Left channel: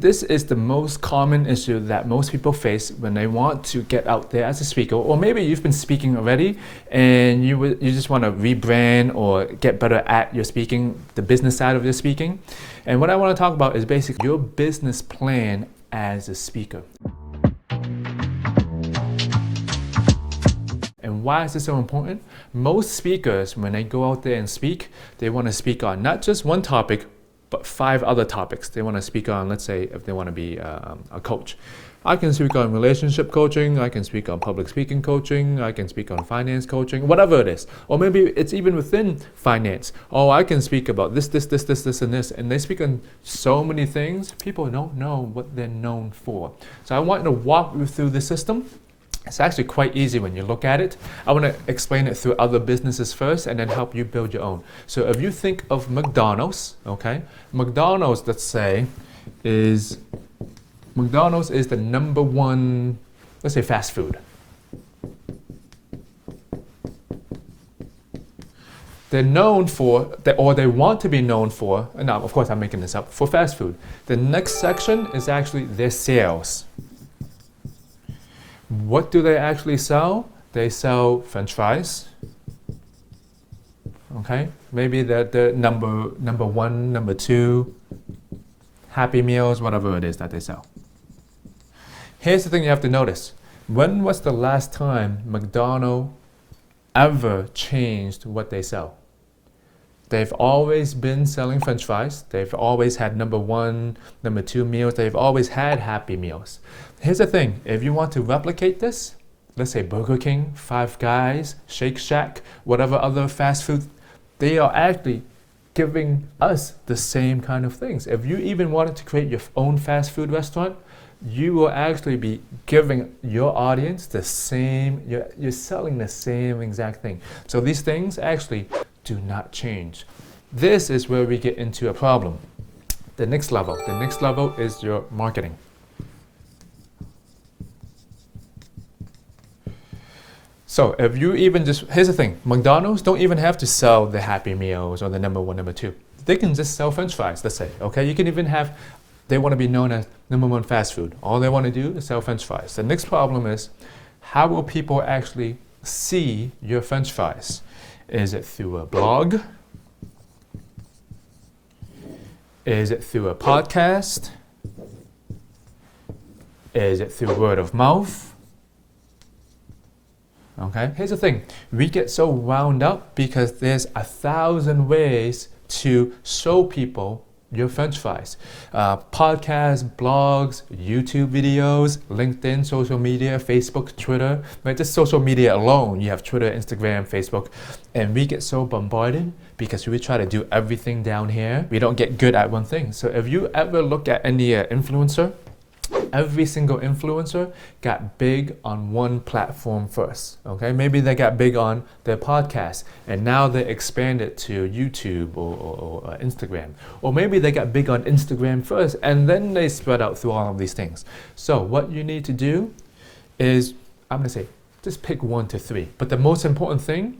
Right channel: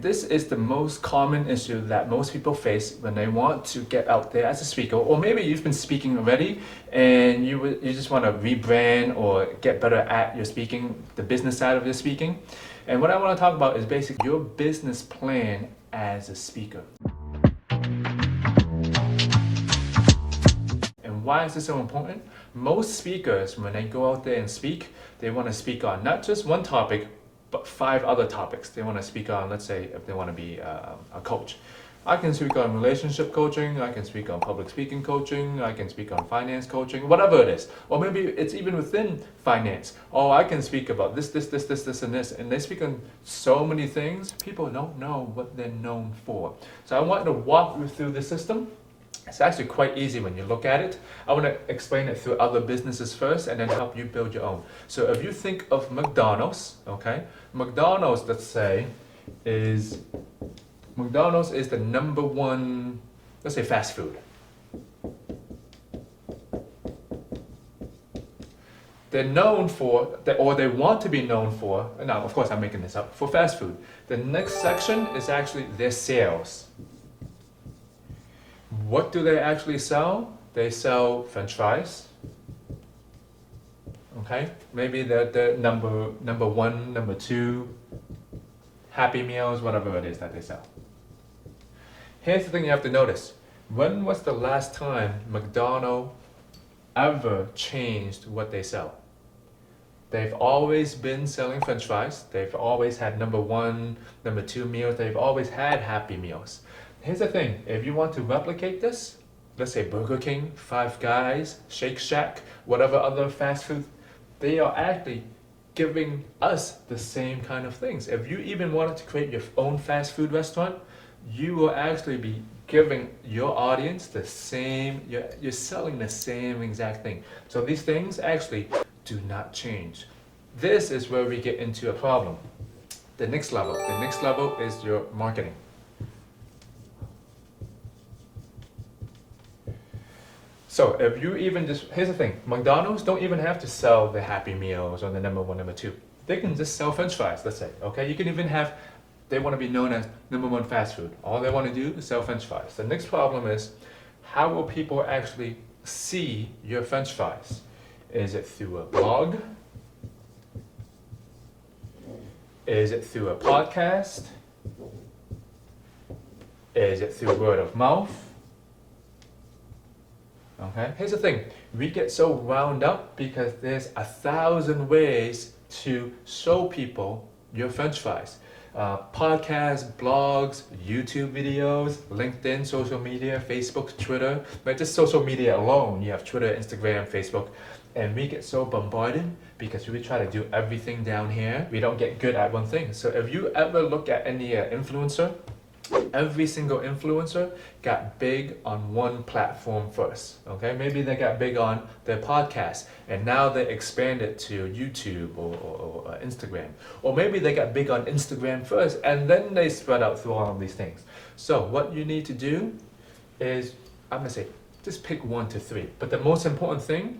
This is the most common issue that most people face when they want to get out there as a speaker, or maybe you've been speaking already and you just want to rebrand or get better at your speaking, the business side of your speaking. And what I want to talk about is basically your business plan as a speaker. And why is this so important? Most speakers, when they go out there and speak, they want to speak on not just one topic, but 5 other topics. They want to speak on, let's say, if they want to be a coach. I can speak on relationship coaching, I can speak on public speaking coaching, I can speak on finance coaching, whatever it is. Or maybe it's even within finance. Oh, I can speak about this, and this. And they speak on so many things, people don't know what they're known for. So I want to walk you through the system. It's actually quite easy when you look at it. I want to explain it through other businesses first and then help you build your own. So if you think of McDonald's, okay? McDonald's, let's say, is the #1, let's say, fast food. They're known for, or they want to be known for, now of course I'm making this up, for fast food. The next section is actually their sales. What do they actually sell? They sell French fries. Okay, maybe the number 1, number 2, Happy Meals, whatever it is that they sell. Here's the thing you have to notice. When was the last time McDonald's ever changed what they sell? They've always been selling French fries. They've always had number 1, number 2 meals. They've always had Happy Meals. Here's the thing, if you want to replicate this, let's say Burger King, Five Guys, Shake Shack, whatever other fast food, they are actually giving us the same kind of things. If you even wanted to create your own fast food restaurant, you will actually be giving your audience the same, you're selling the same exact thing. So these things actually do not change. This is where we get into a problem. The next level is your marketing. So if you even here's the thing, McDonald's don't even have to sell the Happy Meals or the number 1, number 2. They can just sell French fries, let's say, okay? You can even have, they want to be known as #1 fast food. All they want to do is sell French fries. The next problem is, how will people actually see your French fries? Is it through a blog? Is it through a podcast? Is it through word of mouth? Okay, here's the thing, we get so wound up because there's 1,000 ways to show people your French fries. Podcasts, blogs, YouTube videos, LinkedIn, social media, Facebook, Twitter, right? Just social media alone, you have Twitter, Instagram, Facebook, and we get so bombarded because we try to do everything down here. We don't get good at one thing. So if you ever look at any influencer, every single influencer got big on one platform first, okay? Maybe they got big on their podcast and now they expanded to YouTube or Instagram. Or maybe they got big on Instagram first and then they spread out through all of these things. So what you need to do is, I'm gonna say, just pick 1 to 3. But the most important thing,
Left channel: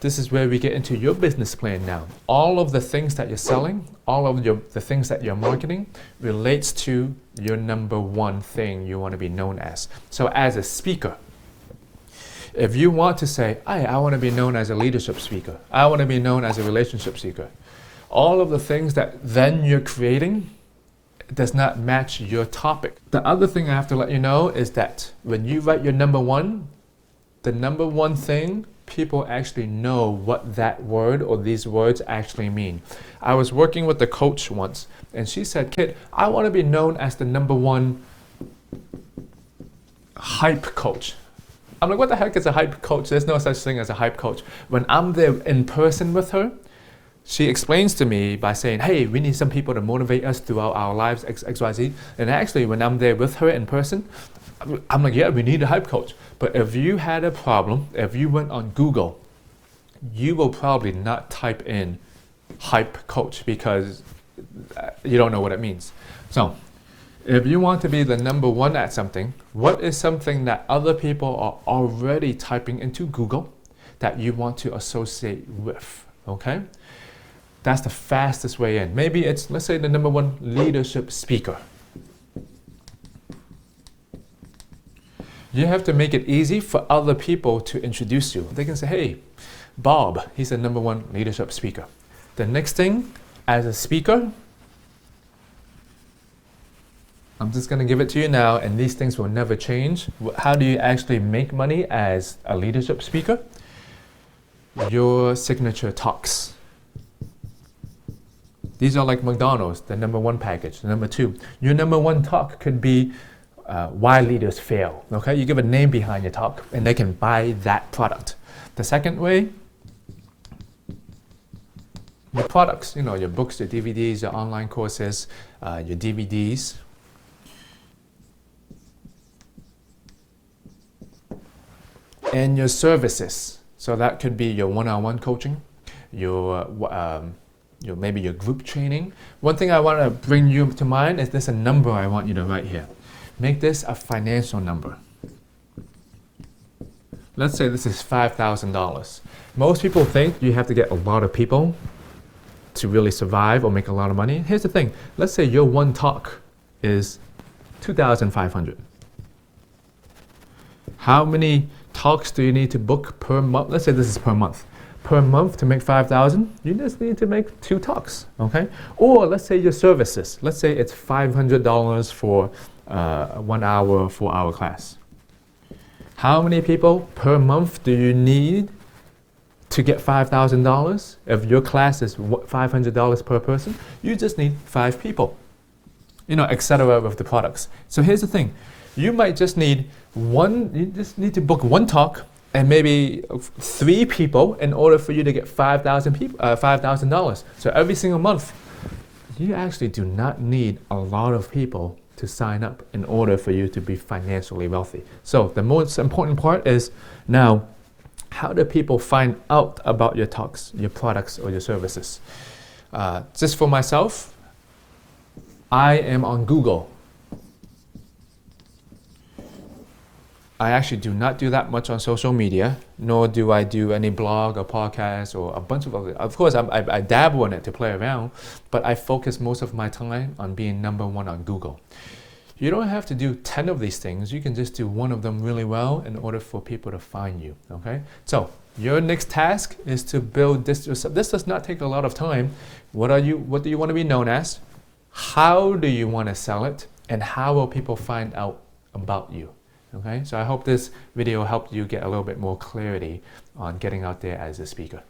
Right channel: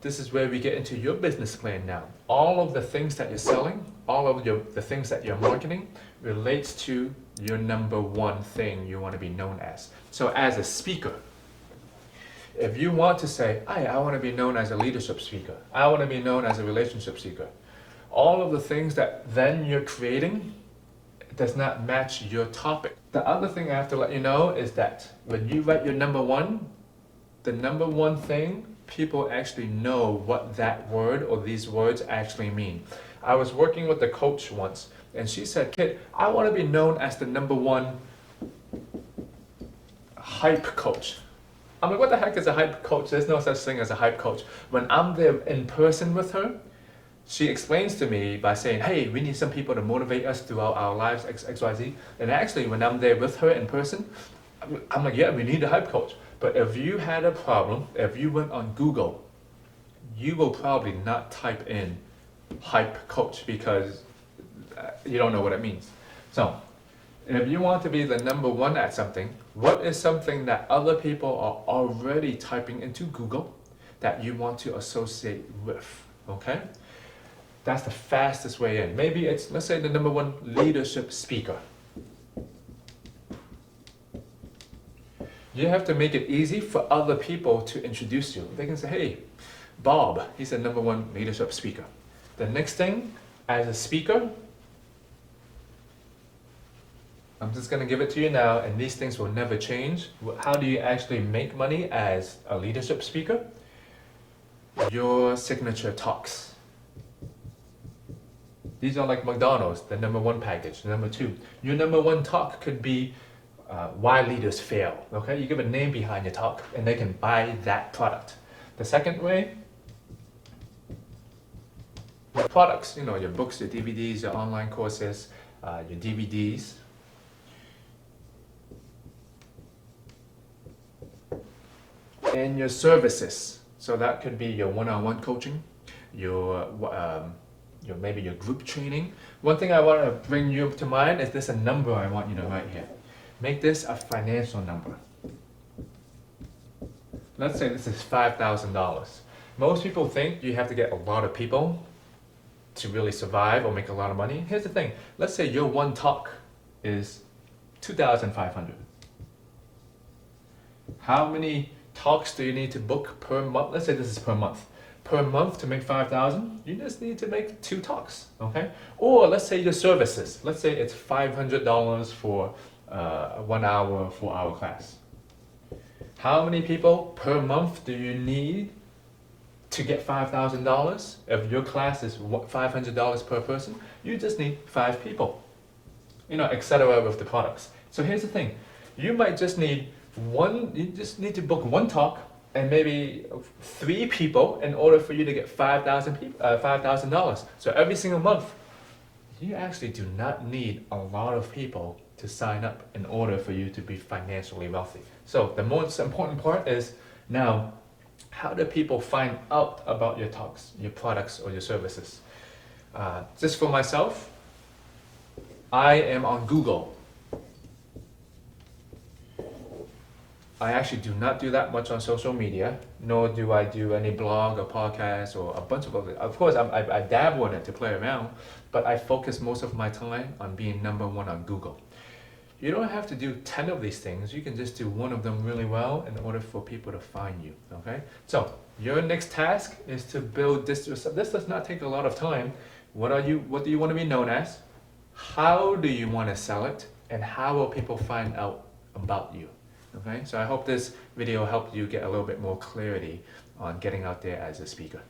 this is where we get into your business plan now. All of the things that you're selling, all of the things that you're marketing relates to your number 1 thing you want to be known as. So as a speaker, if you want to say, I want to be known as a leadership speaker, I want to be known as a relationship speaker, all of the things that then you're creating does not match your topic. The other thing I have to let you know is that when you write your number 1, the number 1 thing, people actually know what that word or these words actually mean. I was working with a coach once and she said, Kit, I want to be known as the number 1 hype coach. I'm like, what the heck is a hype coach? There's no such thing as a hype coach. When I'm there in person with her, she explains to me by saying, hey, we need some people to motivate us throughout our lives, XYZ. And actually, when I'm there with her in person, I'm like, yeah, we need a hype coach. But if you had a problem, if you went on Google, you will probably not type in hype coach because you don't know what it means. So if you want to be the number 1 at something, what is something that other people are already typing into Google that you want to associate with, okay? That's the fastest way in. Maybe it's, let's say, the number 1 leadership speaker. You have to make it easy for other people to introduce you. They can say, hey, Bob, he's the #1 leadership speaker. The next thing, as a speaker, I'm just going to give it to you now, and these things will never change. How do you actually make money as a leadership speaker? Your signature talks. These are like McDonald's, the #1 package. Number 2, your #1 talk could be why leaders fail. Okay, you give a name behind your talk, and they can buy that product. The second way, your products. You know, your books, your DVDs, your online courses, your DVDs. And your services. So that could be your one-on-one coaching, your maybe your group training. One thing I want to bring you to mind is there's a number I want you to write here. Make this a financial number. Let's say this is $5,000. Most people think you have to get a lot of people to really survive or make a lot of money. Here's the thing. Let's say your one talk is $2,500. How many talks do you need to book per month? Let's say this is per month. Per month to make $5,000, you just need to make 2 talks, okay? Or let's say your services. Let's say it's $500 for a 1 hour, 4 hour class. How many people per month do you need to get $5,000? If your class is $500 per person, you just need 5 people, you know, etc. with the products. So here's the thing. You might just need you just need to book 1 talk and maybe 3 people in order for you to get $5,000. So every single month, you actually do not need a lot of people to sign up in order for you to be financially wealthy. So the most important part is now, how do people find out about your talks, your products, or your services? Just for myself, I am on Google. I actually do not do that much on social media, nor do I do any blog or podcast or a bunch of other. Of course, I dabble in it to play around, but I focus most of my time on being #1 on Google. You don't have to do 10 of these things. You can just do 1 of them really well in order for people to find you, okay? So your next task is to build this yourself. This does not take a lot of time. What do you want to be known as? How do you want to sell it? And how will people find out about you? Okay, so I hope this video helped you get a little bit more clarity on getting out there as a speaker.